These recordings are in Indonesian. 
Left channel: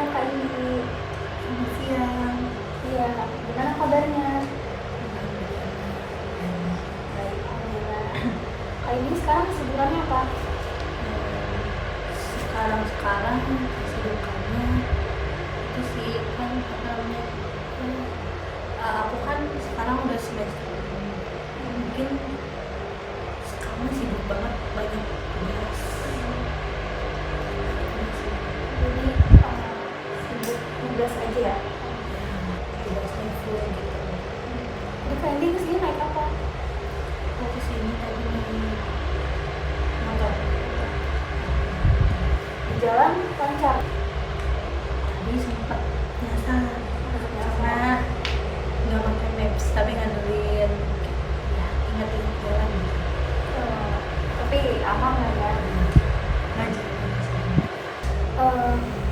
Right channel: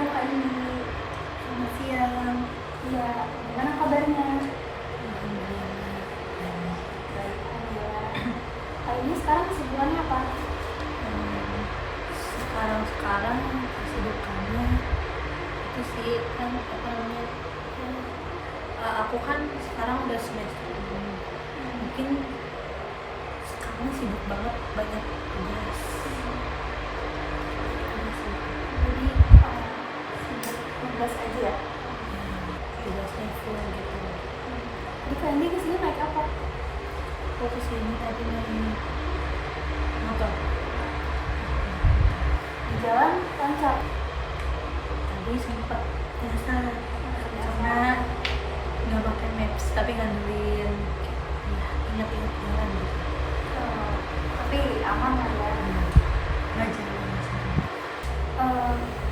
siang Kak Indi. Selamat siang. Iya, gimana kabarnya? Baik. Alhamdulillah. Kak Indi sekarang kesibukannya apa? Sekarang kesibukannya itu sih kan aku kan sekarang udah semester mungkin sekarang sibuk banget, banyak tugas. Jadi sibuk tugas aja ya? Tugasnya full gitu. Jadi Kak Indi kesini naik apa? Aku kesini tadi naik motor. Di jalan lancar? Tadi sempat nyasar karena nggak pakai maps tapi ngandelin ya ingat-ingat jalan gitu. Tapi aman lah ya? Aja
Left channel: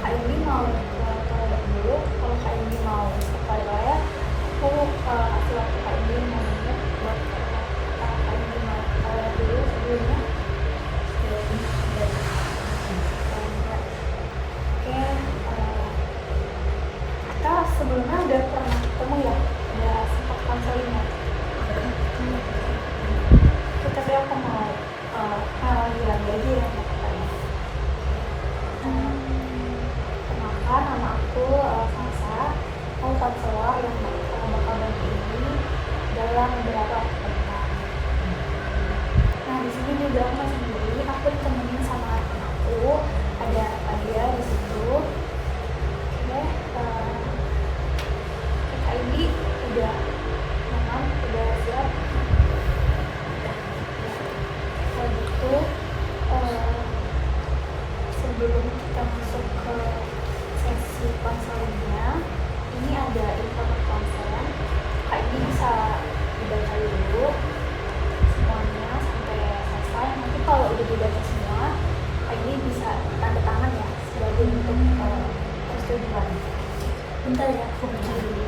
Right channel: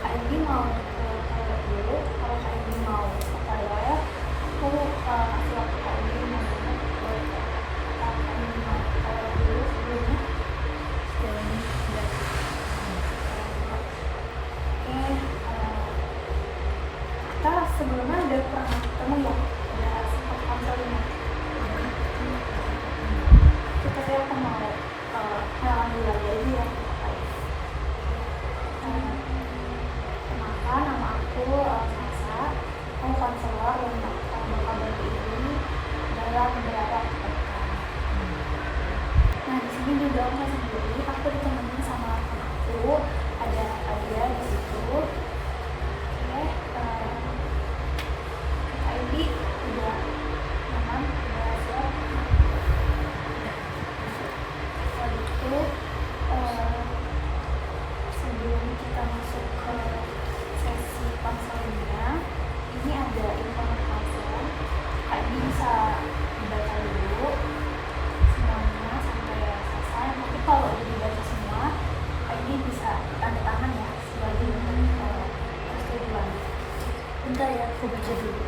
Kak Indi mau ke toilet dulu. Kalau Kak Indi mau ke toilet, aku kasih waktu Kak Indi 5 menit buat Kak Indi mau ke toilet dulu sebelumnya. Oke, kita sebelumnya udah pernah ketemu ya, udah sempat konseling ya. Tapi aku mau lanjut lagi aja ya sama katanya. Kenalkan, nama aku Sasa. Aku konselor yang bakal bantu ini dalam beberapa waktu ke depan. Nah, di sini juga aku masih sendiri. Aku ditemenin sama rekan aku, ada Adia di situ. Oke, Kak Indi udah nyaman, udah siap. Kalau gitu, sebelum kita masuk ke sesi konselingnya, ini ada informasi konsen. Kak Indi bisa dibaca dulu semuanya sampai selesai. Nanti kalau udah dibaca semua, Kak Indi bisa tanda tangan ya sebagai bentuk persetujuan. bentar ya aku baca dulu.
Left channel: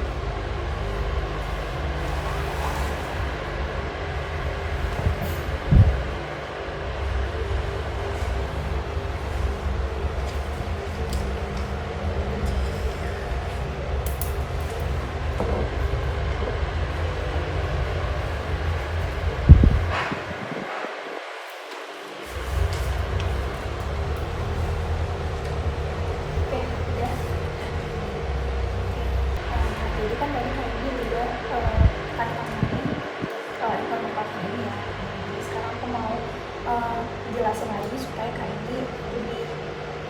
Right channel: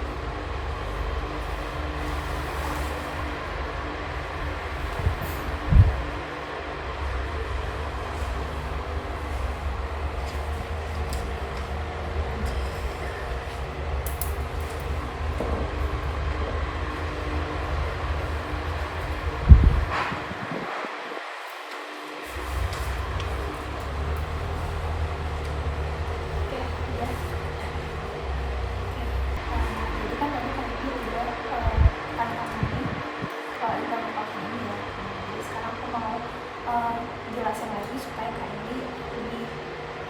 Oke, udah. Nah, jadi kan tadi Kak Indi udah tanda tanganin informasi ini ya. Jadi sekarang aku mau jelasin lagi supaya Kak Indi lebih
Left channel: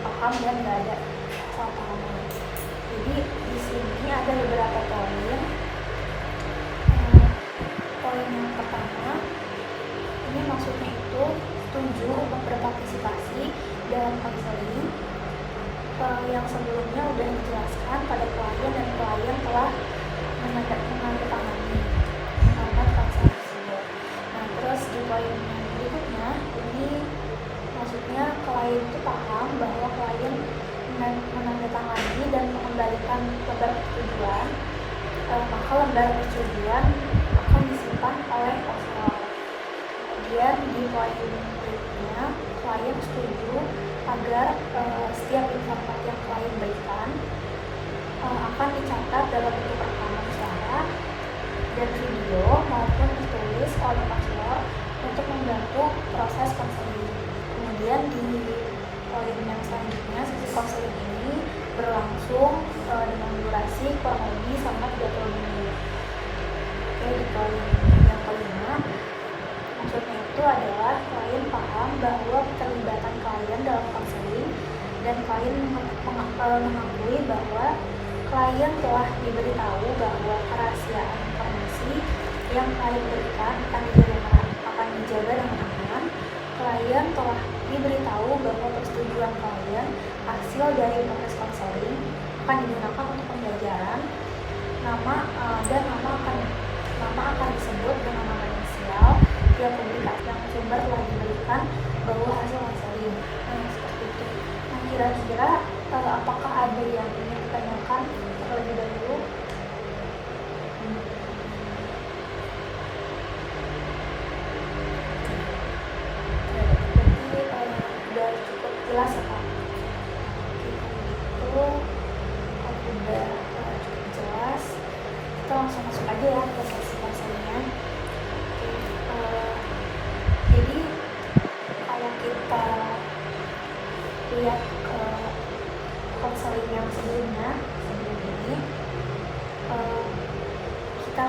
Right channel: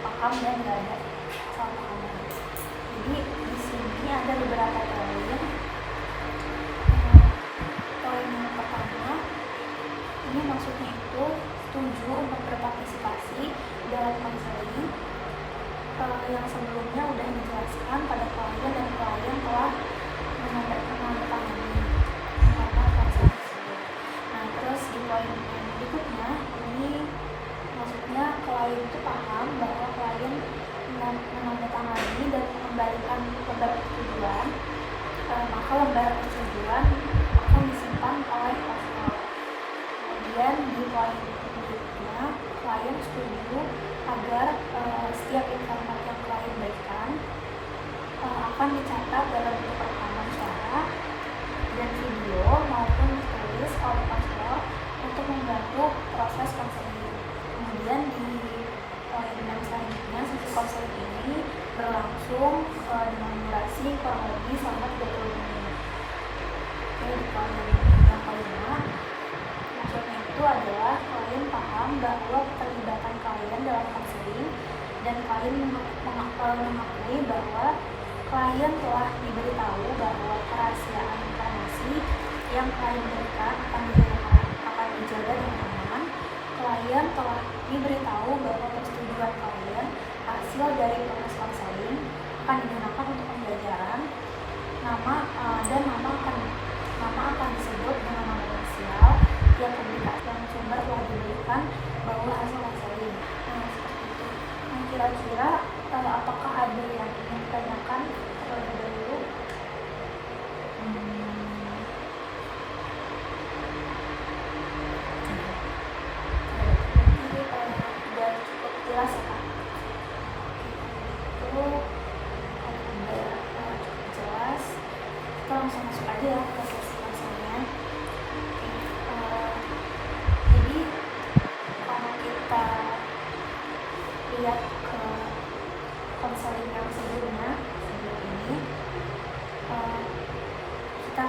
paham dan nggak ada kesalahpahaman. Jadi di sini ada beberapa poin. Poin yang pertama, ini maksudnya itu setuju untuk berpartisipasi dalam konseling yang sebelumnya udah dijelaskan pada klien dan klien telah menandatangani format konseling tersebut. Nah, terus di poin yang berikutnya, ini maksudnya klien itu paham bahwa klien menandatangani dan mengembalikan lembar persetujuan, maka lembar persetujuan akan disimpan oleh konselor. Kemudian di poin berikutnya, klien setuju agar setiap informasi yang klien berikan akan dicatat dalam bentuk rekaman suara dan video maupun tertulis oleh konselor untuk membantu proses konseling. Kemudian di poin yang selanjutnya, sesi konseling ini berlangsung dengan durasi kurang lebih selama 30 menit. Oke, di poin yang kelima, maksudnya itu adalah klien paham bahwa keterlibatan klien dalam konseling dan klien mengakui bahwa klien telah diberitahu bahwa kerahasiaan informasi yang klien berikan akan dijaga dengan aman. Klien telah diberitahu bahwa persetujuan klien hasil dari proses konseling akan digunakan untuk pembelajaran. Nama akan disebut dengan nama inisial tiap publikasi yang sumber telah diberikan bahwa hasil konseling. Nah, seperti itu. Nah, kira-kira apakah ada yang ingin ditanyakan terlebih dahulu? Udah cukup jelas ya Kak? Oke, kalau gitu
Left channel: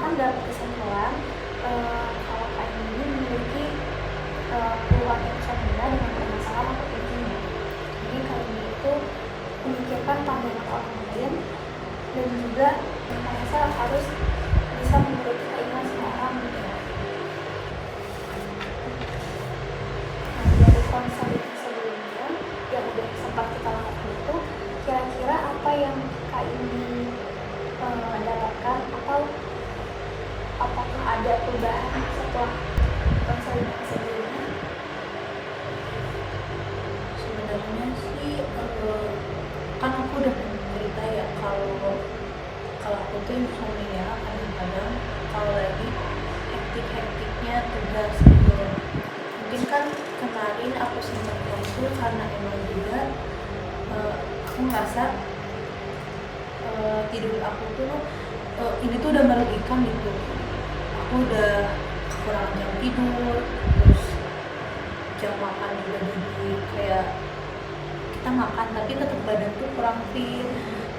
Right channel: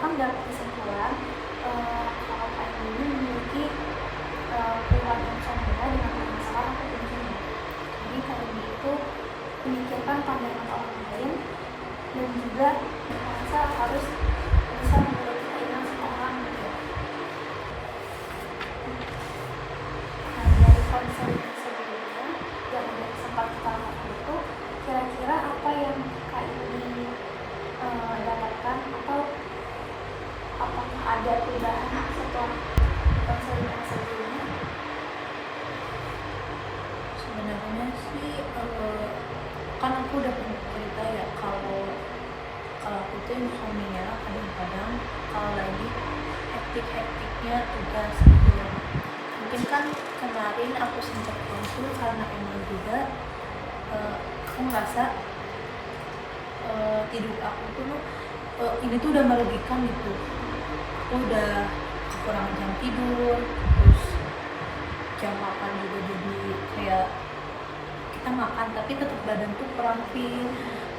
sekarang dalam kesimpulan, kalau Kak ini memiliki keluhan insomnia dengan permasalahan aku tingginya. Jadi Kak ini itu memikirkan pandangan orang lain dan juga merasa harus bisa menuruti keinginan semua orang gitu ya. Nah, dari konseling sebelumnya yang udah sempat kita lakukan itu, kira-kira apa yang Kak ini dapatkan atau apakah ada perubahan setelah konseling yang sebelumnya? Sebenarnya sih kan aku udah pernah cerita ya kalau aku tuh insomnia kadang-kadang kalau lagi hektik-hektiknya tugas gitu. Mungkin kan kemarin aku sempat konsul karena emang juga aku ngerasa tidur aku tuh ini tuh udah merugikan gitu. Aku udah kurang jam tidur, terus jam makan juga jadi kayak kita makan tapi tetap badan tuh kurang fit.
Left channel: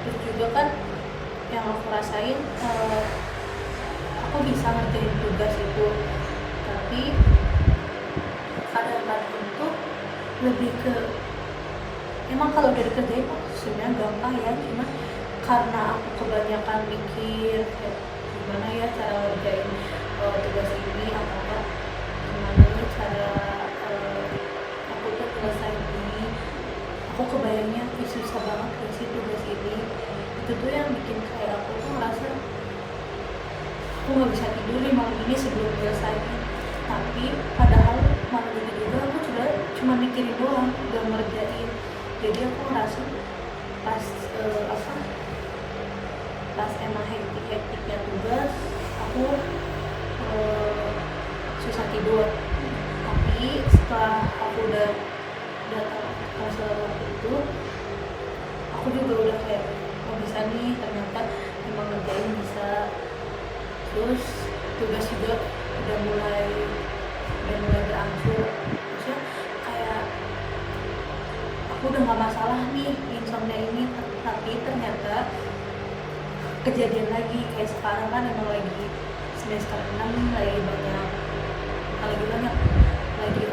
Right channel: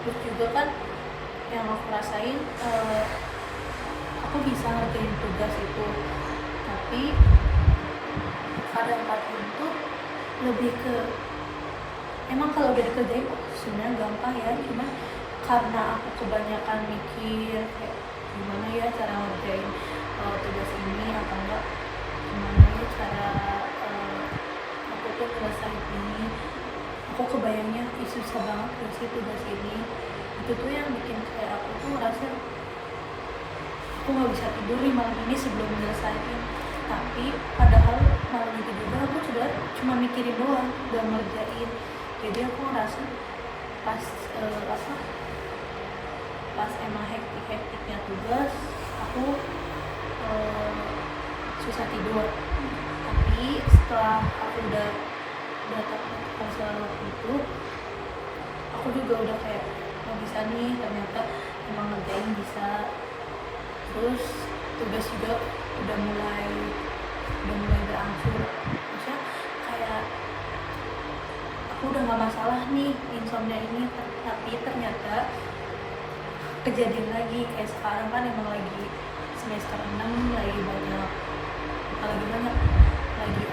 Terus juga kan yang aku rasain aku bisa ngerjain tugas itu, tapi kadang-kadang itu lebih ke emang kalau udah dikerjain sebenarnya gampang ya, cuma karena aku kebanyakan mikir kayak gimana ya cara ngerjain tugas ini atau gimana ya cara aku tuh ngelesain ini, aku kebayangnya susah banget sih tugas ini. Itu tuh yang bikin kayak aku tuh ngerasa aku nggak bisa tidur nih malam ini sebelum selesai. Tapi padahal malam itu juga aku sudah cuma mikirin doang, udah ngerjain. Jadi aku ngerasa pas emang hektiknya tugas aku susah tidur. Tapi setelah aku udah datang konselor waktu itu, aku juga udah kayak bisa nih, ternyata emang ngerjain bisa. Terus tugas juga udah mulai berangsur, maksudnya kayak aku udah gak masalah nih insomnia ini. Tapi ternyata kejadian lagi kayak sekarang kan emang lagi semester 6, lagi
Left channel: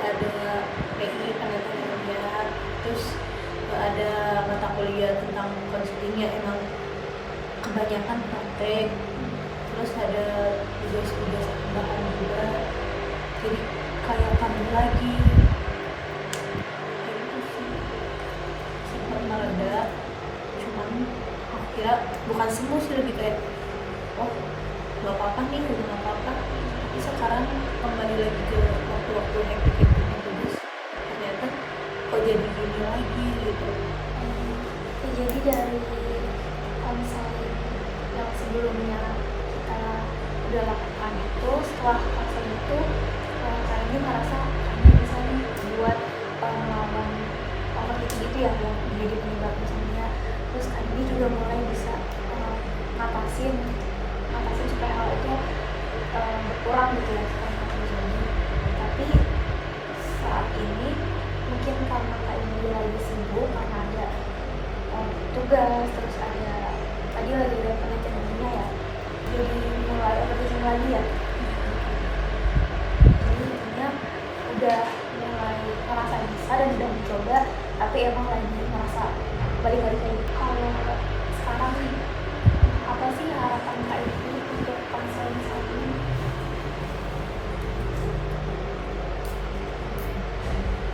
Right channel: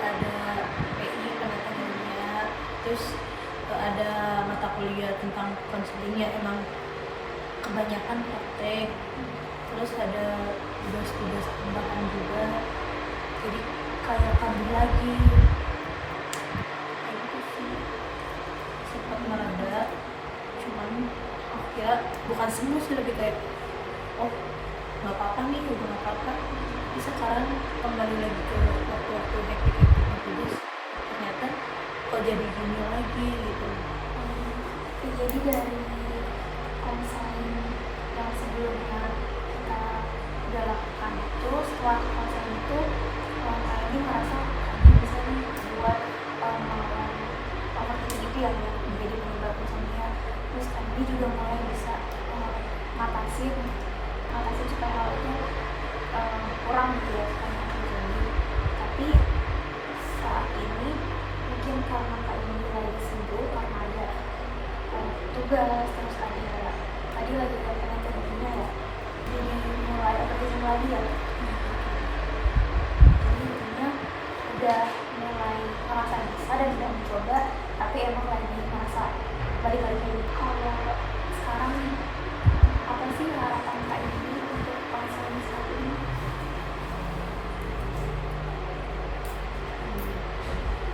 ada PI penata kerja, terus ada mata kuliah tentang konselingnya emang kebanyakan praktek, terus ada tugas tambahan juga, jadi kayak kabur lagi. Itu sih sempat mereda, cuman akhirnya bukan sembuh sih, lebih kayak oh nggak apa-apa nih, udah nggak apa-apa. Tapi sekarang kembali lagi ke waktu-waktu hektik tugas, ternyata kok jadi gini lagi gitu. Jadi dari konseling yang sebelumnya kita udah lakukan itu, setelah konseling itu kayaknya ngerasa kayaknya bisa nih buat melawan overthinking itu ya, yang menjadi penyebab insomnia. Terus kayaknya juga mulai bisa ngatasin supaya hal itu kurang gitu ya, supaya nggak terjadi. Tapi saat ini mungkin karena Kak ini lagi sibuk karena ada tugas, terus ada tadi lagi ada penelitian ilmiah ya, jadi mulai overthinking lagi ya. Jadi intinya udah mulai merasa bisa dan udah mencoba, tapi emang lagi merasa balik lagi kayak gitu. Kalau sekarang nih, apa sih harapan Kak ini untuk konseling saat ini?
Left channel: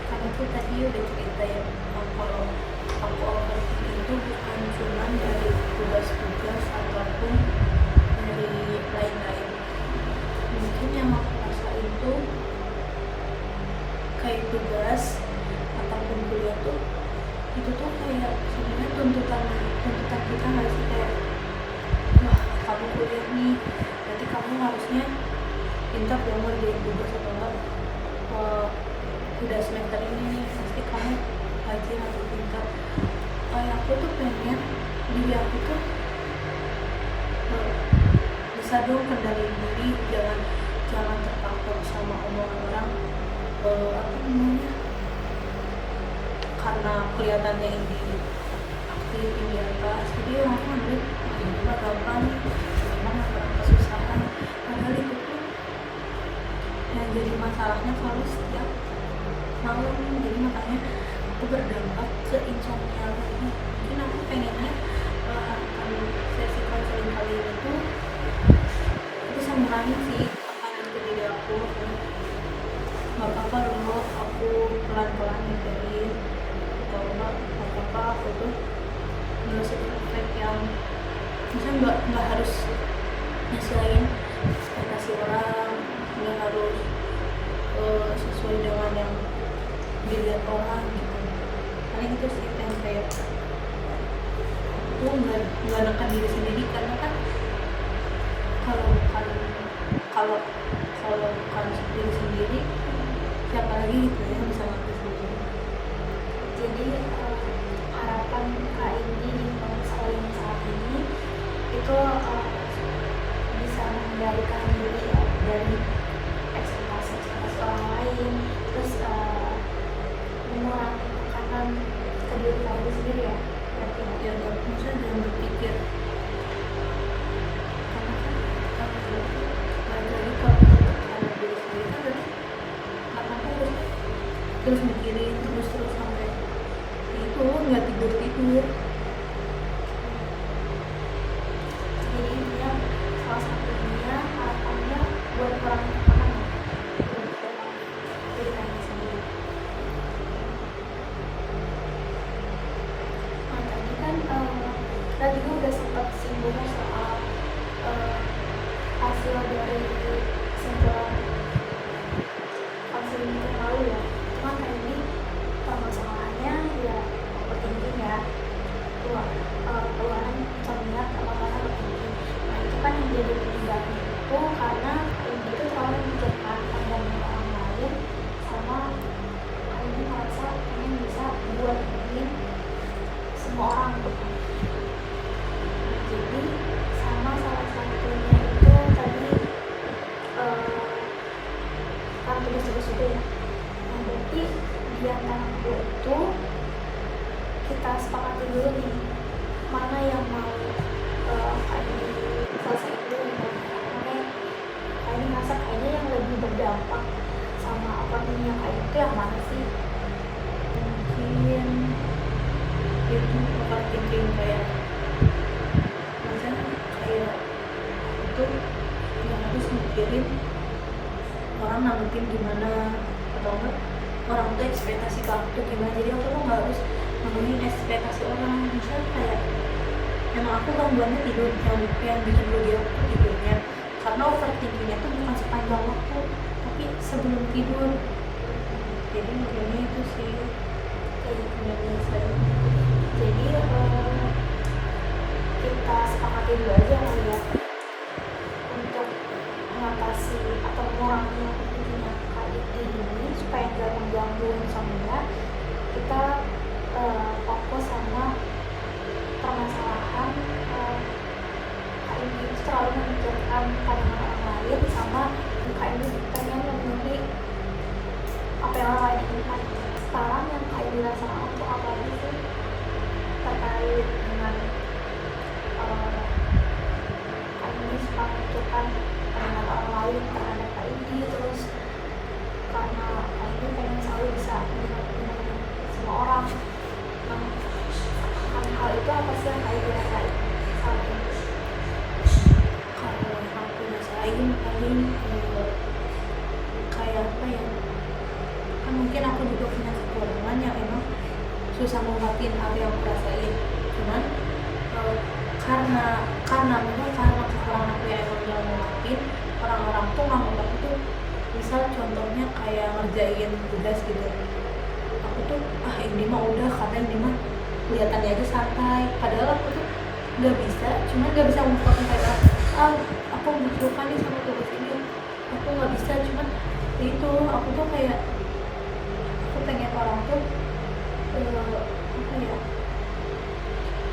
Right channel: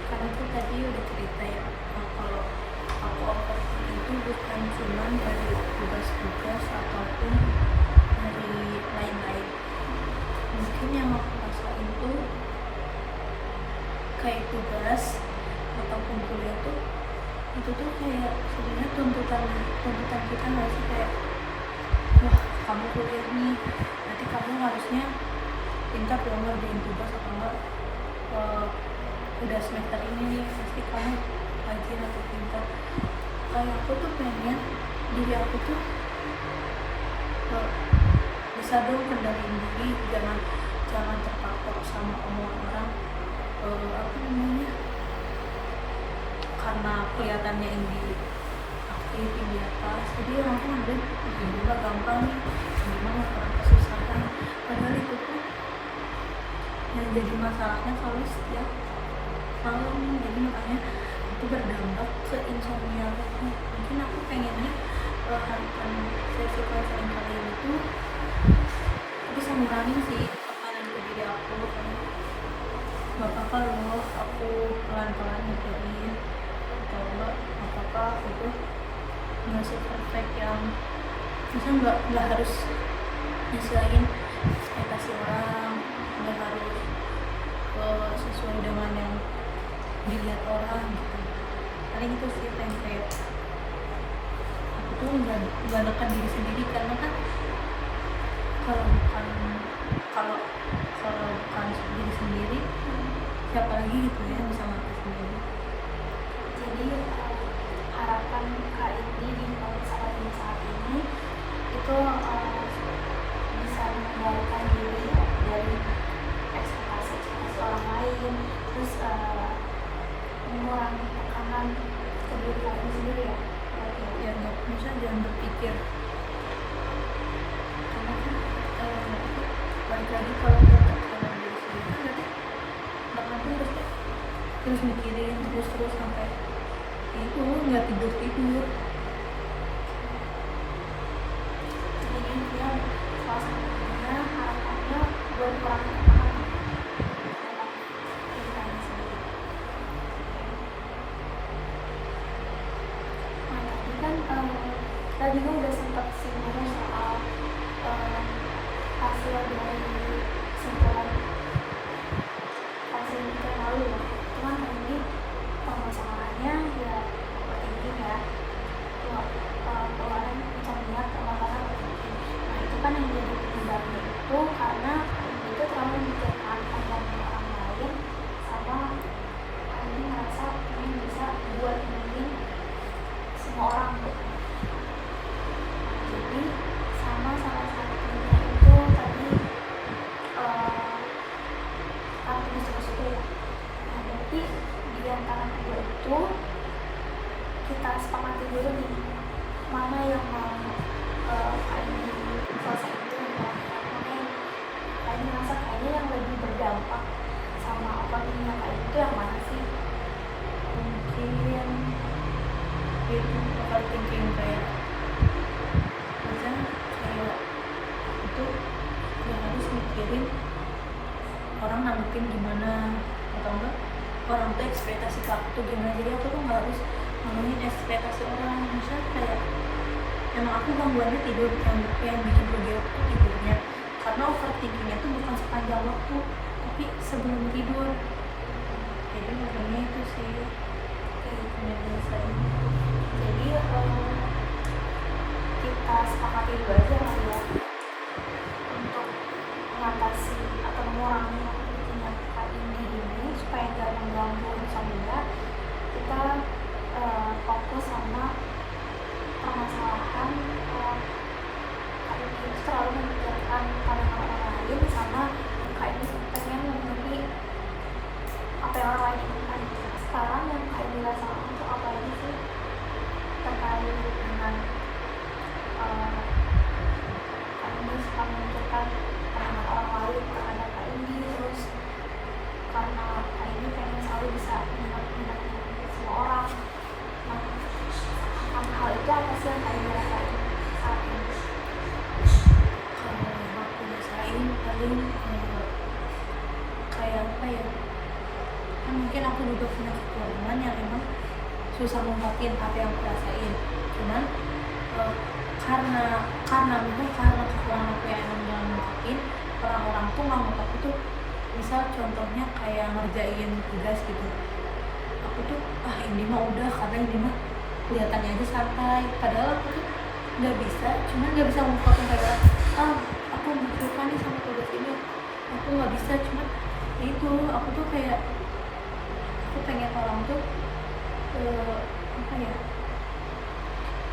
Karena aku tadi udah cerita ya, kalau aku overthinking itu bukan cuma dari tugas-tugas ataupun dari lain-lain. Mungkin yang aku rasa itu kayak tugas ataupun kuliah tuh, itu tuh kayak sebenarnya tuntutan kita nggak sih, kayak wah kamu kuliah nih, berarti kamu harusnya pintar dong ngerjain tugas, atau enggak udah semester ini pasti kamu rajin atau pintar. Kayak aku tuh pengen diri aku tuh bisa dong kendaliin diri, jangan terpatok sama omongan orang, apa namanya, karena kelihatannya ini aktif di atas, jadi orang tuh ngambil juga gampang, memang orang kesusahan. masalahnya selalu setiap malam, jadi makanya itu berdampak ke insomnia lagi. Mungkin aku pengennya akan sesi konseling kali ini tuh bisa ngurangin sih tekanan ke diri aku. Gak apa-apa loh aku pelan-pelan ngejarin, atau gak apa-apa aku tuh gak se-perfect yang misalnya nggak harus nyesuaiin ekspektasi orang, nggak harus sesuai dengan yang dilihat orang gitu. Paling itu sih kayak aku tuh nggak nekan diri sendiri, karena kan kalau bukan diri sendiri siapa lagi gitu ya bisa ngatur sendiri. Jadi harapan Kak Indi di konseling saat ini itu bisa mengendalikan diri ya, dari ekspektasi orang lain, terus mengurangi tekanan ke diri kamu sendiri ya. Berarti ya, Jangan berpikir, karena kan balik lagi kalau kita tekanan diri sendiri kan berarti apa-apa harus terus mikirin terus sampai itu nggak tidur. jadi intinya salah satunya harapannya buat kurangi tekanan dalam diri kamu sendiri. Nah tadi kan kita juga udah sempat singgung soal hasil dari kesimpulan konseling kita yang lalu ya. Cuman kan ini permasalahannya ya overthinking ya, keluaran minat sama karena overthinking. Nah itu kan yang jadi penyebabnya itu karena ini itu terlalu memikirkan pandangan orang lain, sama ini merasa pengen bisa buat nyenengin semua orang gitu. Nah, jadi sama salah satunya itu tadi kan tugas-tugas itu ya. Nah berarti di antara kedua itu kita sepakati dulu nih mana yang mau ini selesai dulu nih, mana yang ini ngerasa kayaknya yang lebih berdampak sama overthinkingnya kayak itu yang mana sih? Mungkin itu overthinking kayak misalnya kayak itu nggak harus mikirin orang nanggepin gimana, atau enggak orang tuh ekspektasi ke aku tuh gimana, jadi aku tuh nggak harus memenuhi ekspektasi orang. Misalnya kayak emang aku gangguannya tidur, yang bikin dia tidurnya karena overthinkingnya tuh bukan sepanjang waktu tapi sebelum tidur. Jadi mungkin itu sih kayak gitu saya. Jadi kita sepakati dulu aja lah ya untuk mengatasi atau mengurangi overthinkingnya Kak Indi ini supaya nggak mengganggu insomnia. Kita fokus sama permasalahan Kak Indi itu terlalu memikirkan pandangan orang lain, sama Kak Indi pengen memenuhi apa yang orang lain inginkan. Sekarang yang Kak Indi rasakan untuk apa aja sih terkait dengan Kak Indi suka memikirkan pandangan orang lain terhadap Kak Indi, terus karena Kak Indi pengen selalu bisa menyenangkan semua orang. Nah, hal itu apa sih yang Kak Indi rasain saat ini? Kalau aku rasain paling kayak apa ya, kan mungkin aku juga punya kekurangan yang emang susah ngungkapin apa yang aku rasain. Cuman karena kekurangan aku yang emang gak ngungkapin, orang-orang tuh nganggap aku tuh misal contohnya kayak ngerjain tugas gitu, aku tuh ini mah udah, karena ini mah kelihatannya aja santai, padahal aku tuh nggak bisa ngungkapin kayak aku butuhkan nih sama tugas ini, aku nggak bisa. Cuman itu aku tuh kayak aku pengen orang tuh apa ya,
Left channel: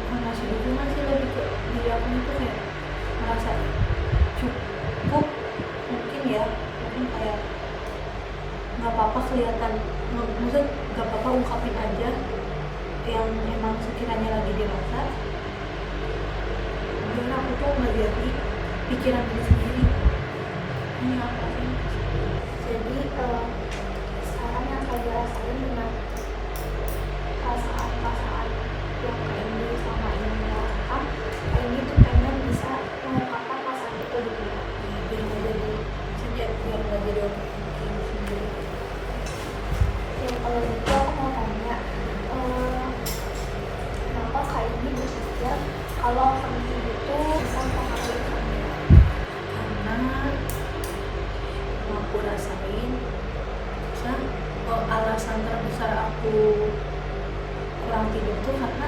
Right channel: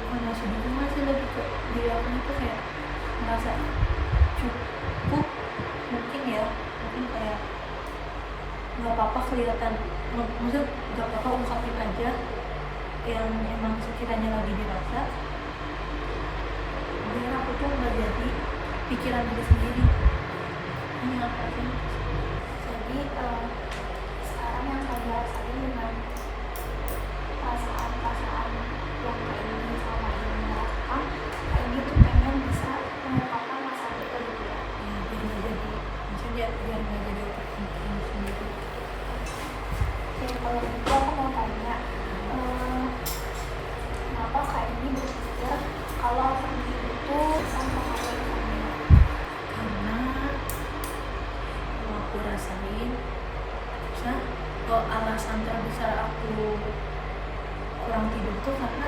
bukan ngasih dukungan sih, lebih ke diri aku tuh kayak merasa cukup mungkin ya, mungkin kayak nggak apa-apa kelihatan, maksud nggak apa-apa ungkapin aja yang emang sekiranya lagi dirasa, biar aku tuh nggak jadi pikiran diri sendiri. Ini apa sih? Jadi Jadi sekarang yang Kak Indi rasain dengan perasaan yang Kak Indi selama ini merasakan, Kak Indi tuh pengen bisa mengungkapkan perasaan itu dulu ya. Biar nggak jadi overthinking sendiri. Oke, kalau gitu aku mau tanya, kenapa Kak Indi berpikir kalau overthinking itu bisa mempengaruhi insomnia? Karena mau aku rasain, alasan terbesar aku kurang tidur tuh karena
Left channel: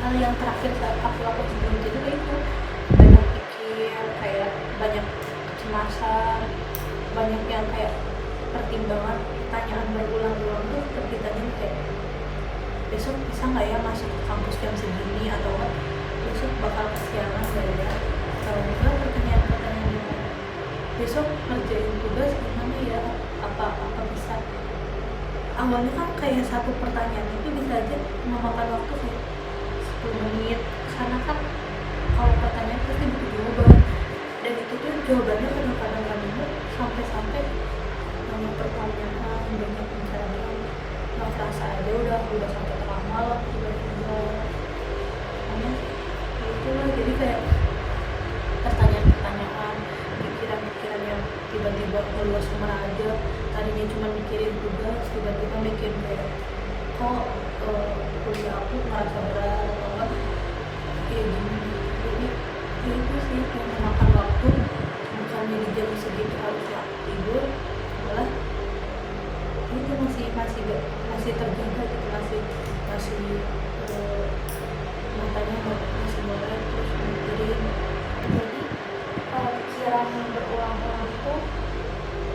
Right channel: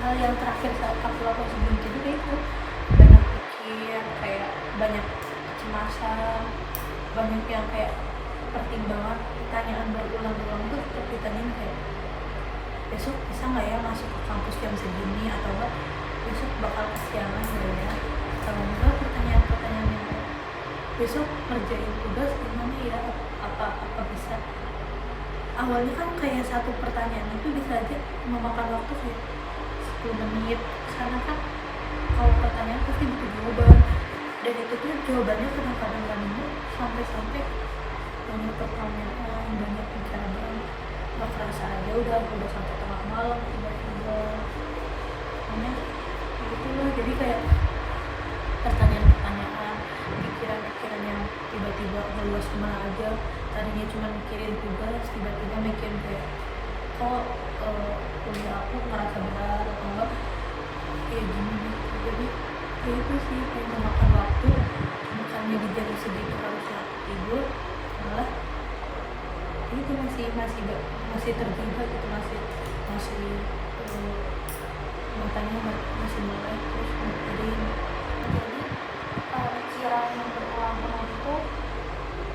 hal yang terakhir saat aku lakukan sebelum tidur itu banyak pikir, kayak banyak kecemasan, banyak yang kayak pertimbangan, pertanyaan berulang-ulang tuh terpitannya kayak besok bisa nggak ya masuk ke kampus jam segini, atau besok bakal kesiangan nggak ya, atau enggak pertanyaan-pertanyaan yang besok ngerjain tugas gimana ya, apa bisa. Awalnya kan kayak satu pertanyaan itu bisa aja memakan waktu kayak 10 menit, karena kan kalau pertanyaan pasti butuh jawaban, dan itu tuh jawabannya kadang-kadang nggak nemu, sampai banyak pertanyaan, banyak pencarian, nggak kerasa aja udah sampai tengah malam tiba-tiba. Makanya itu lah, jadi kayak pertanyaan-pertanyaan, pikiran-pikiran yang tiba-tiba ngeluas kemana aja. Tadinya cuma mikirin tugas, tiba-tiba mikirin kayak kok kuliah aku ngerasa berat atau enggak kayak gini. Jadi ya itu sih kayak memakan waktu, bukannya di jam segitu harusnya aku tidur, malah itu masih terjaga gitu, masih matanya masih mulai terus mikirin. Jadi pikiran yang berulang-ulang itu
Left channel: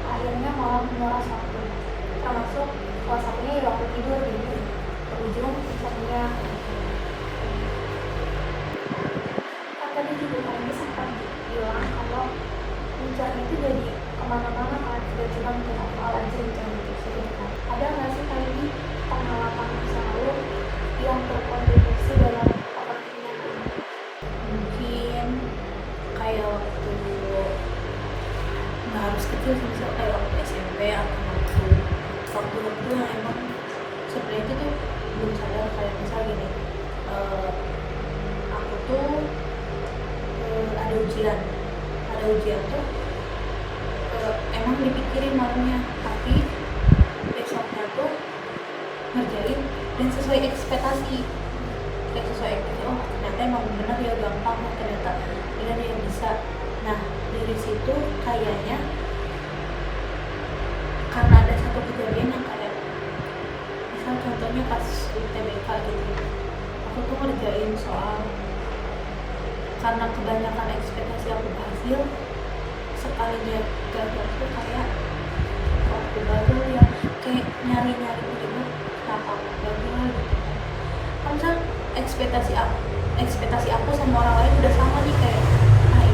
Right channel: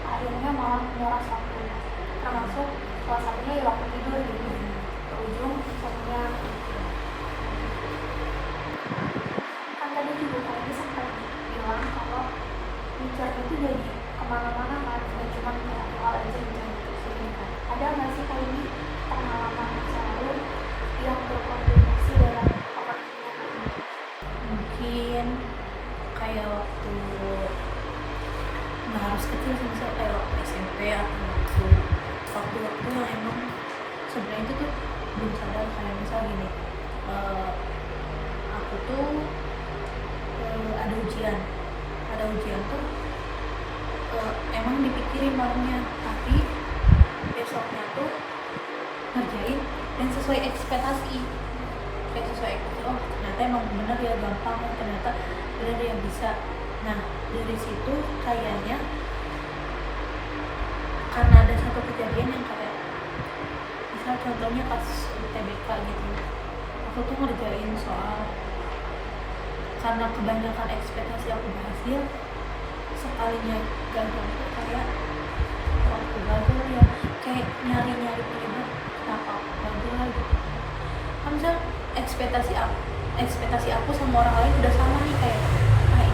akhirnya malah menguras waktu, termasuk salah satunya ya waktu tidur gini, berujung insomnia. Kan tadi juga Kak Indi sempat bilang kalau mikirnya itu jadi kemana-mana kan, gak cuma ke satu hal aja gitu yang dipikirin kan. Ada nggak sih Kak Indi pengalaman masa lalu yang berkontribusi dalam overthinkingnya Kak Indi? Mungkin kayak waktu nggak harus kecil sih, misal kayak waktu SMP atau waktu yang emang sebenarnya itu tuh belum sadar, kayak misal gini, aku tuh ada ujian tuh emang dipikirin normnya, tapi besoknya tuh ngerjain dan sesuai ekspektasi, oh ternyata emang bener ya gampang, ternyata bener ya bisa. Nah dari situ kayaknya karena ada satu kejadian yang kayak misal contohnya pas UTBK gitu, aku tuh ngerjain soal, karena kebanyakan ekspektasi aku berhasil, sekalinya gagal tuh kayak waktu gagal ya kayak nyari-nyari penyebab kenapa aku gagal gitu. Kan misal ekspektasi aku sama orang lain udah sama nih, kayak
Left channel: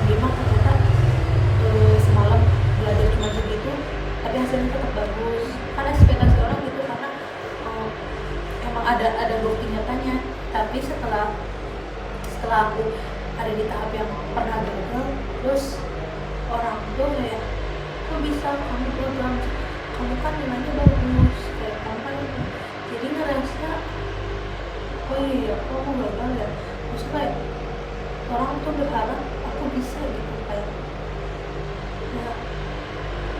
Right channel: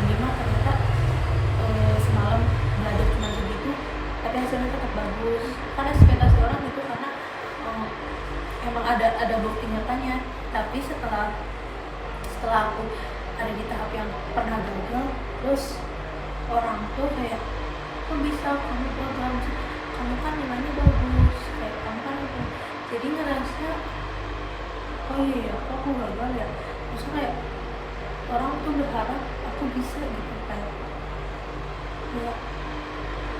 ini mah ternyata semalam belajar cuma segitu tapi hasilnya tetap bagus. Kan ekspektasi orang gitu karena emang ada bukti nyatanya. Tapi setelah aku ada di tahap yang pernah gagal, terus orang tuh kayak kok bisa kamu gagal, kamu kan nilainya bagus, kayak kamu kan jadi ngerasa oh iya kok aku gagal ya. Terus kayak orang tuh berharap aku bisa gitu, kayak ya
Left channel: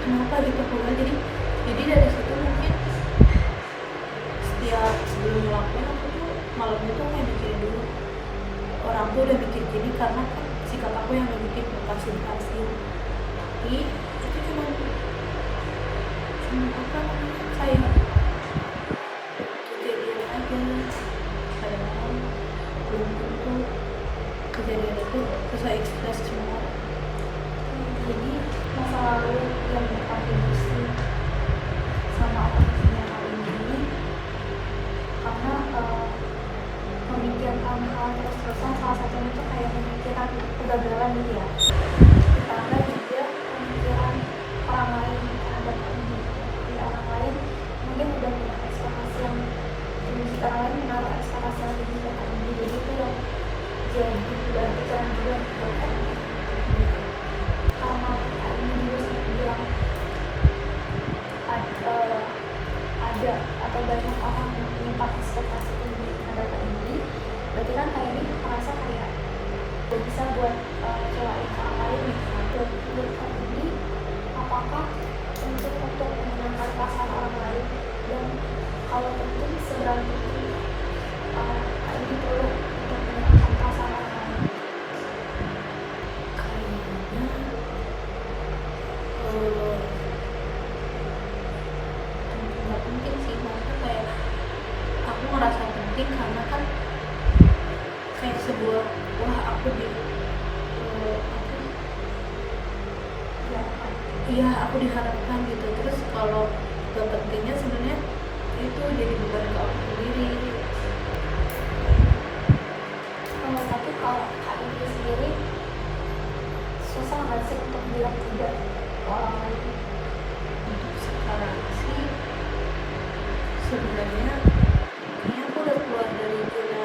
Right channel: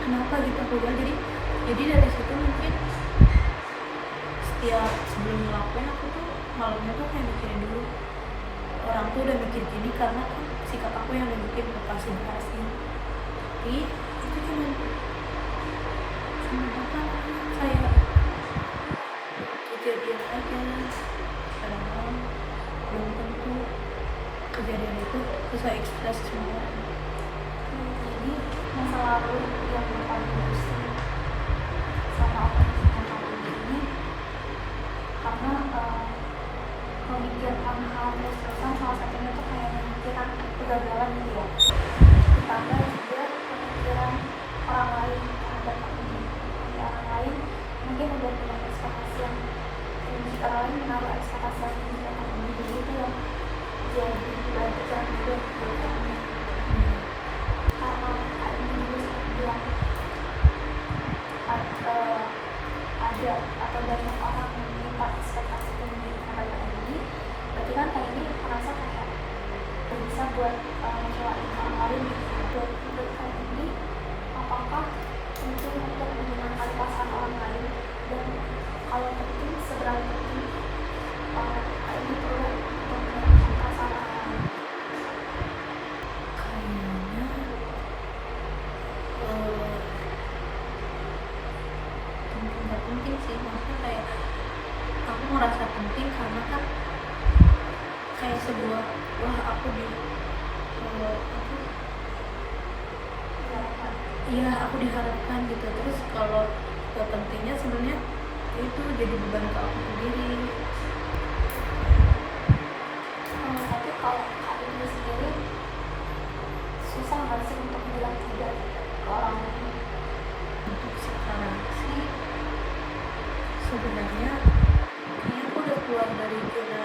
kenapa gitu aku gagal. Jadi dari situ mungkin setiap sebelum ngelakuin aku tuh malamnya tuh kayak mikirin dulu, orang tuh udah mikir gini karena kan sikap aku yang udah bikin berhasil. Tapi itu cuma apa namanya, kayak kejadian aja, kadang-kadang belum tentu kejadian itu sesuai ekspektasi semua. Jadi masa lalu yang berkontribusi sama overthinkingnya Kak Indi ini karena memikirkan hal terus-terusan, salah satunya tuh kayak memikirkan kegagalan gitu ya, ditambah juga pemikiran orang lain terhadap Kak Indi. Kayak orang lain mungkin udah punya ekspektasi yang tinggi, orang lain menaruh ekspektasi yang tinggi ke Kak Indi, jadi itu yang jadi beban pikiran juga buat Kak Indi. Karena Kak Indi dulu sempat bilang tidak bisa buat ngecewain orang lain gitu kan. Menurut kamu ini apakah penting untuk menyenangkan perasaan orang lain, dan kalau penting seberapa penting ini perlu untuk menyenangkan perasaan orang lain? Kayaknya nggak penting sih, maksudnya kayak aku ngerasa penting karena kan kayak sebuah wah aku di Diharapkan. iya aku diharapkan gitu. Terus kalau gak pentingnya sebenarnya itu jadi beban ke aku sendiri. Tapi kalau Kak Indri sendiri susah nggak sih untuk bilang tidak ke orang lain? Untuk sekarang sih sebenarnya kayaknya aku udah keluar dari zona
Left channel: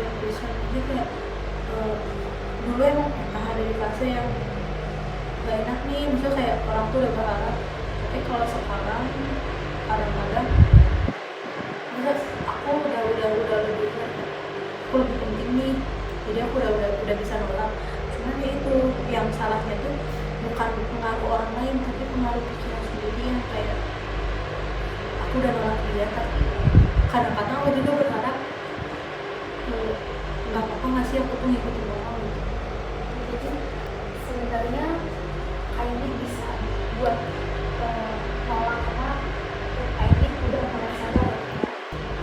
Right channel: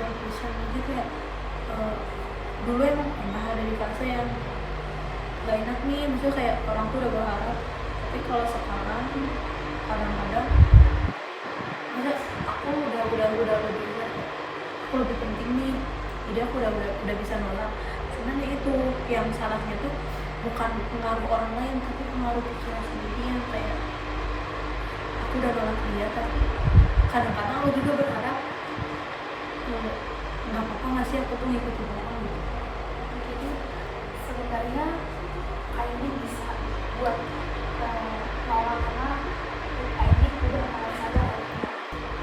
yang bisa. Jadi kayak dulu emang pernah ada di fase yang gak enak nih, misalnya kayak orang tuh udah berharap, tapi kalau sekarang kadang-kadang bisa aku udah lebih aku lebih penting nih, jadi aku udah bisa nolak. Cuman ya itu yang salahnya tuh bukan pengaruh orang lain, tapi pengaruh pikiran sendiri yang kayak aku udah nolak dia, tapi kadang-kadang aku juga berharap nggak apa-apa nggak sih aku tuh ngikutin orang gitu. Jadi sebenarnya Kak Indri bisa buat nolak karena Kak Indri udah mulai sadar ya, kayak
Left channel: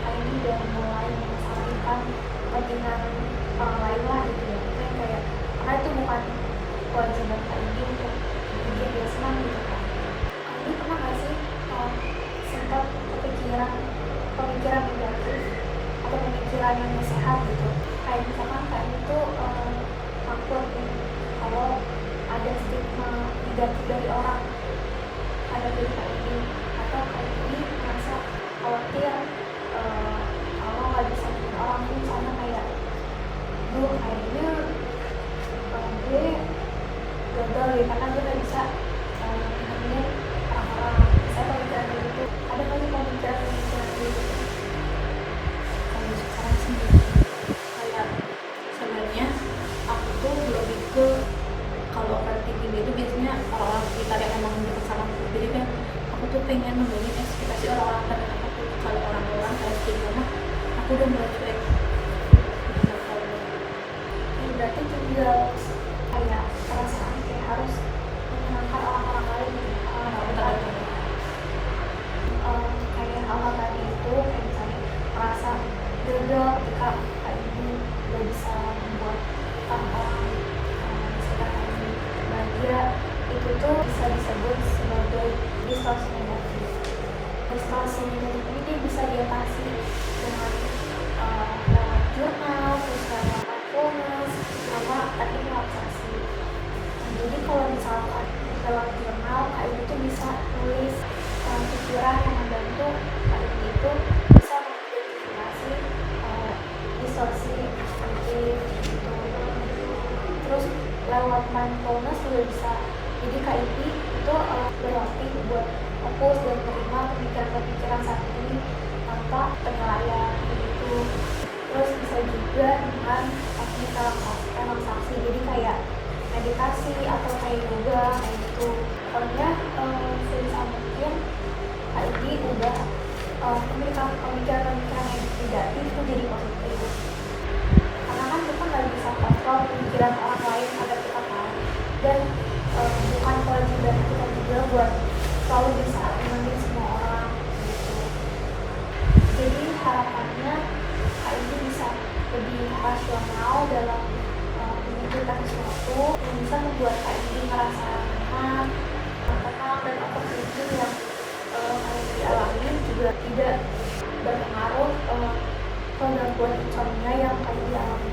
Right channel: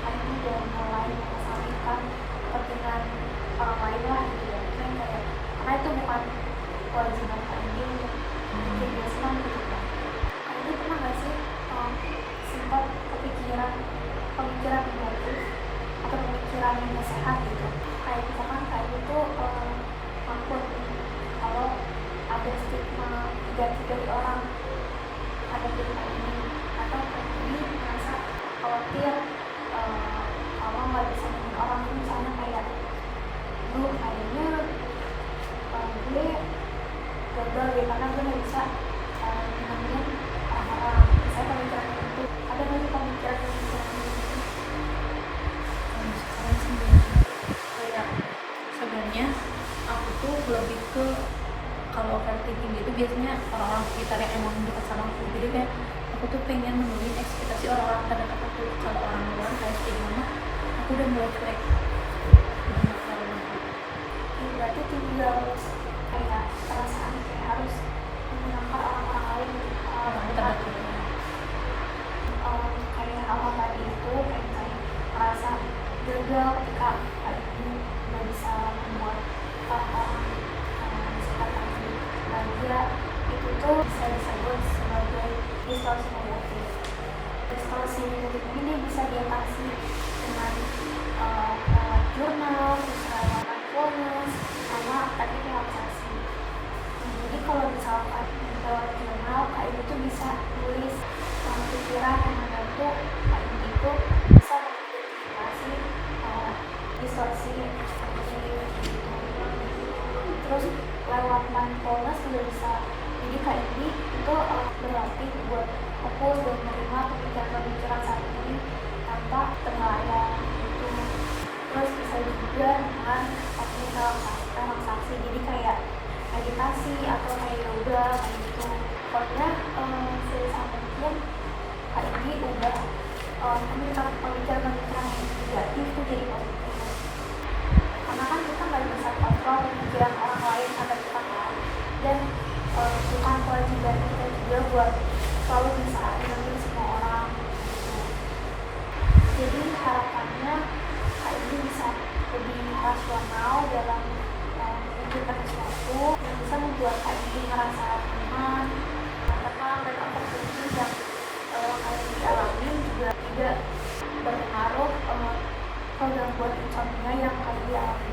Kak Indri udah mulai mengesampingkan kepentingan orang lain lah gitu ya. Mungkin kayak karena itu bukan kewajiban Kak Indri untuk bikin dia senang gitu kan. Kak Indri pernah nggak sih sempat pemikiran negatif atau pemikiran yang nggak sehat gitu? Kayak misalkan Kak Indri tuh takut nih kalau ada stigma negatif dari orang pada diri Kak Indri, atau Kak Indri merasa khawatir kalau nggak bisa nemuin orang ini, misalnya kayak kayaknya gue gagal deh karena gue nggak bisa nemuin orang-orang. Misalnya pemikiran gitu, ada nggak sih pemikiran gitu? Kalau sekarang sih kayak sebenarnya aku tuh lebih ke kalau overthinking itu biasanya orang-orang sekitar yang emang dekat sama aku. Jadi kayak aku tuh pengen memenuhi ekspektasi orang-orang terhadap aku. Kalau orang luar kayak gimana, aku udah mulai cuek. Berarti tinggal kayak perasaan kayak harus menyenangkan orang-orang lain gitu, orang-orang lain. Kayak hal-hal tadi itu kayak misalnya merasa gagal ketika Kak Indri nggak bisa membuat orang-orang sekitar Kak Indri bahagia, itu tuh bisa disebut sebagai distorsi negatif. Distorsi negatif ini bisa diatasi dengan lewat jurnal, terus lewat mindfulness, sama teknik relaksasi. Nah, jadi kalau misalkan lewat jurnal, Kak Indri tuh bisa nulis pikiran yang membantu Kak Indri itu bisa mengidentifikasi distorsi negatif gitu. Terus lewat mindfulness juga bisa. Jadi Kak Indri itu berlatih buat fokus dan menerima pemikiran-pemikiran saat ini tanpa penilaian gitu. Terus bisa juga dengan teknik relaksasi, jadi kayak meditasi atau kayak yoga kayak gitu. Pokoknya sebisa mungkin Kak Indri udah pemikiran-pemikiran yang negatif itu jadi positif. Karena kan kita nggak bisa kontrol pemikiran orang lain terhadap kita kan, dan bukan kewajiban kita juga buat selalu bisa menyenangkan semua orang gitu. Jadi harapannya Kak Indri bisa lebih rasional dalam memikirkan sesuatu yang bisa membuat Kak Indri ngerasa nyaman, tenang, dan overthinking yang Kak Indri alami juga tidak berpengaruh ke gangguan insomnia yang Kak Indri alami.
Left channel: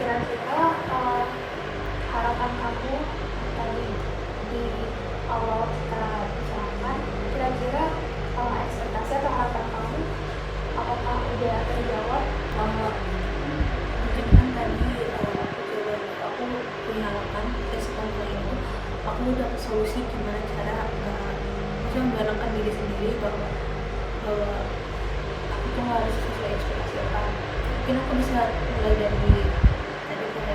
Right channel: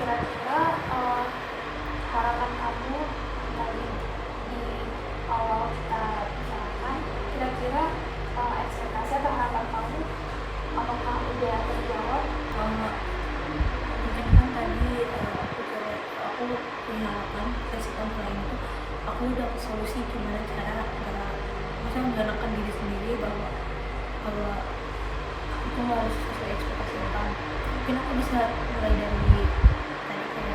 Kira-kira harapan kamu yang tadi di awal kita bicarakan, kira-kira ekspektasi atau harapan kamu apakah udah terjawab? Mungkin kan tadi aku punya harapan respon lain itu aku udah ke solusi gimana cara menggalakkan diri sendiri bahwa aku tuh nggak harus sesuai ekspektasi orang. Mungkin aku bisa mulai dari tadi kayak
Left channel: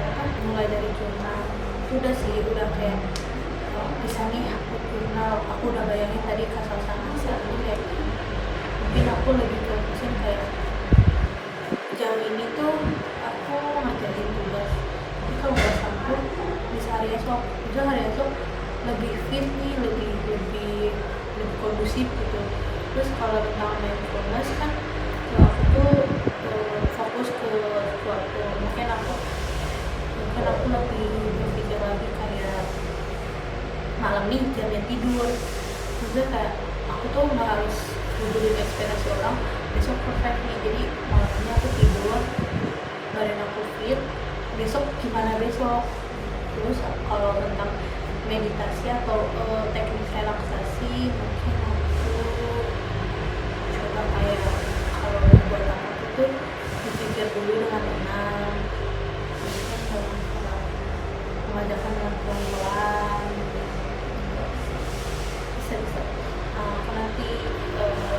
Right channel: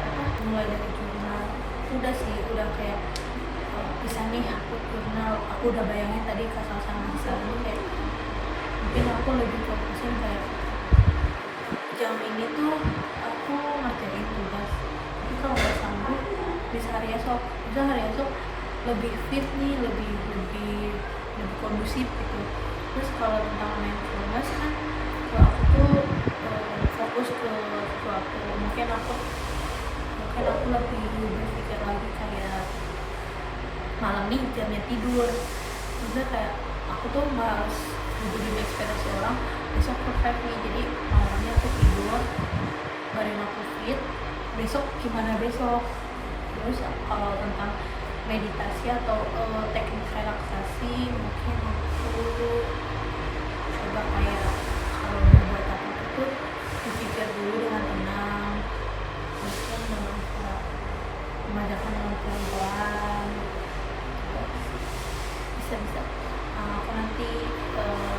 udah sih, udah kayak bisa nih aku jurnal, aku udah bayangin tadi kasal sama misalnya kayak mungkin aku lebih fokusin kayak jauh ini tuh aku ngerjain tugas, tapi kalau nggak sanggup bisa hari esok, bisa hari esok lebih fit nih, lebih kondusif gitu. Terus kalau tentang mindfulness kan kalau aku tuh fokus ke suatu, mungkin aku lebih berpikir lagi kayak malam nih jamnya tidur, maksudnya kayak aku tuh nggak harus nguburin ekspektasi orang besok perfect nih, jadi malamnya aku tidur badan aku fit, besok gimana besok. Terus kalau tentang meditasi atau teknik relaksasi, mungkin aku coba kayak kalau buat aku tuh dipikir dulu dengan tenang, terus mengajakkan dengan pelan-pelan, bisa nanti coba.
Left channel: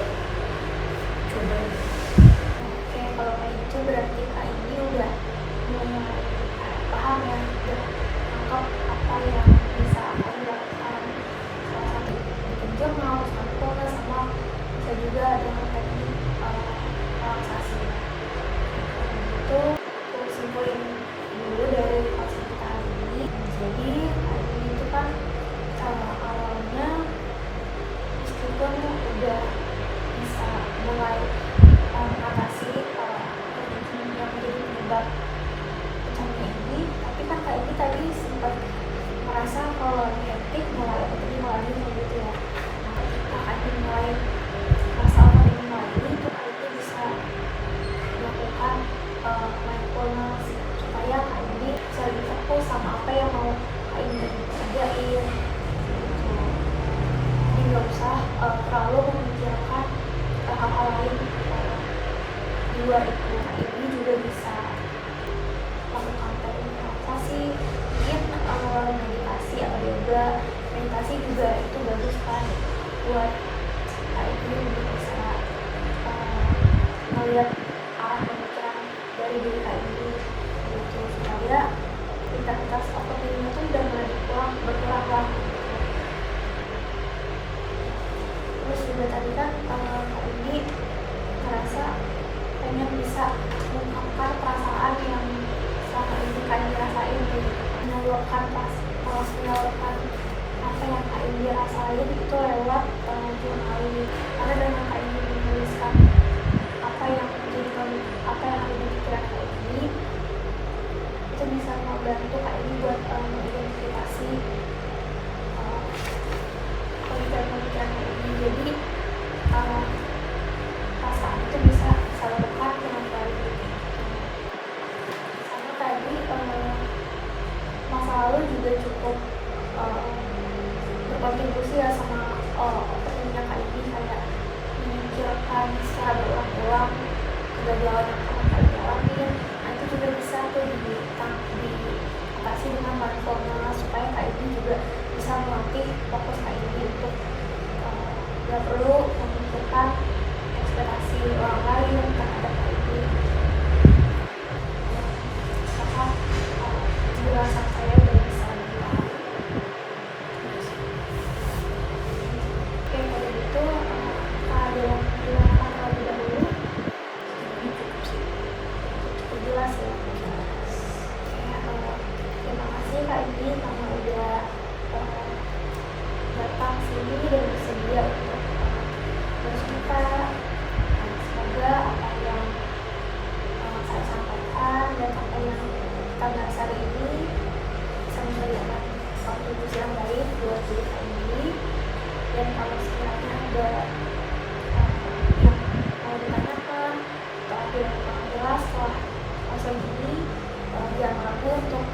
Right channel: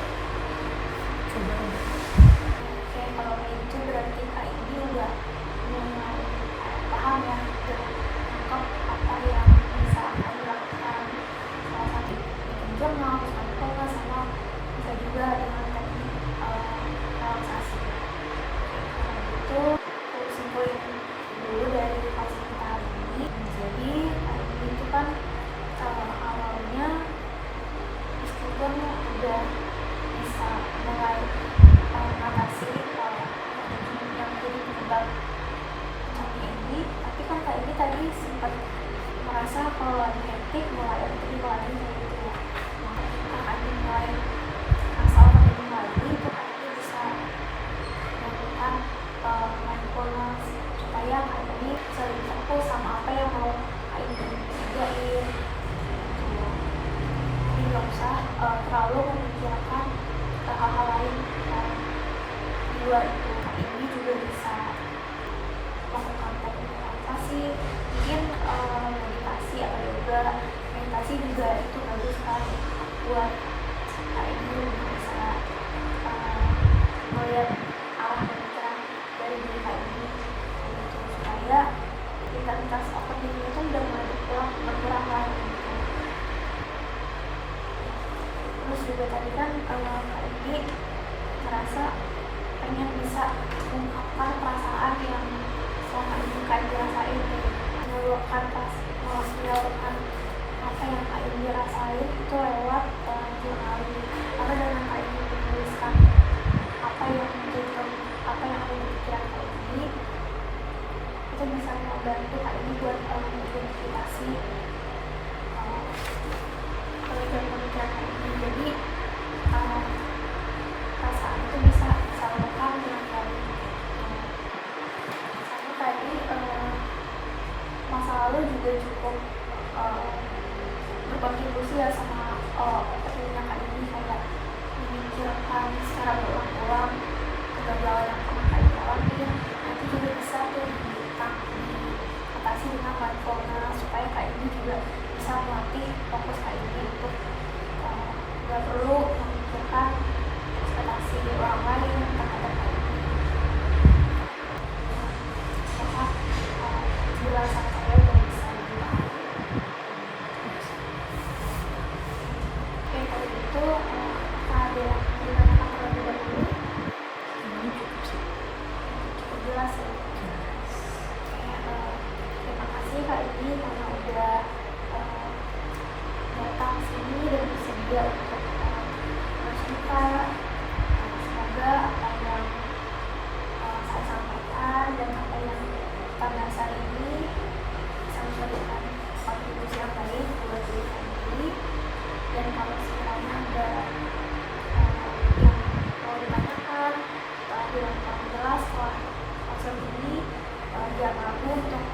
Oke, kalau kayak gitu berarti Kak ini udah mulai paham ya, udah nangkep apa yang bisa akan dilakukan, salah satu bikin jurnal, mindfulness, sama bisa juga dengan teknik relaksasi. Kalau gitu aku simpulin dulu dari konsep kita hari ini. Jadi hari ini itu kan awalnya meskipun udah bisa mulai mengatasi yang menjadi penyebab insomnia ini, tapi kan Kak ini tadi sempat merasa kalau lagi hektik mulai overthinking lagi gitu ya. Nah, ketika Kak ini mulai merasa overthinking lagi, itu Kak ini bisa melakukan mindfulness supaya Kak ini bisa lebih fokus sama apa yang mau Kak ini kerjain. Jadi nggak usah terlalu memikirkan hal-hal lain di luar itu. Nah, ini juga bisa lakukan teknik relaksasi, mungkin meditasi atau yoga. Meditasi juga itu bagus kan buat ini lebih bisa melihat arah pemikiran dari diri ini gitu, supaya intensitas overthinking itu udah mulai berkurang lah gitu. Terus juga tadi kan Kak ini merasa pengen bisa mengungkapkan perasaan yang selama ini Kak ini rasain, menyalurkan apa yang Kak ini rasain itu lewat journaling. Karena dengan Kak ini menuliskan apa yang ada di pikiran Kak ini, itu bisa membantu Kak ini buat mengidentifikasi pemikiran Kak ini. Jadi perasaan itu bisa disalurkan dengan baik. Sama tadi masa lalu juga cukup berkontribusi ya sama opininya Kak ini, kayak memikirkan secara berulang-ulang kegagalan yang pernah Kak ini alamin. Nanti juga bisa tuh diatasi dengan mindfulness supaya Kak ini juga bisa melatih fokus Kak ini untuk nggak perlu memikirkan ekspektasi orang lain terhadap Kak ini. Maka penjelasan saya udah bisa dipahami. Oke, kalau gitu apakah ada yang ditanyakan terlebih dahulu? Cukup jelas ya. Oke, terima kasih Kak ini karena udah datang sini dan bersedia untuk bercerita. Semoga apa yang saya sampaikan dan apa yang kita bahas hari ini bisa memberikan kontribusi yang baik buat diri Kak ini. Dan kalau sekiranya ada yang mau ditanyakan atau ada yang kurang jelas setelah konsep ini, jangan ragu untuk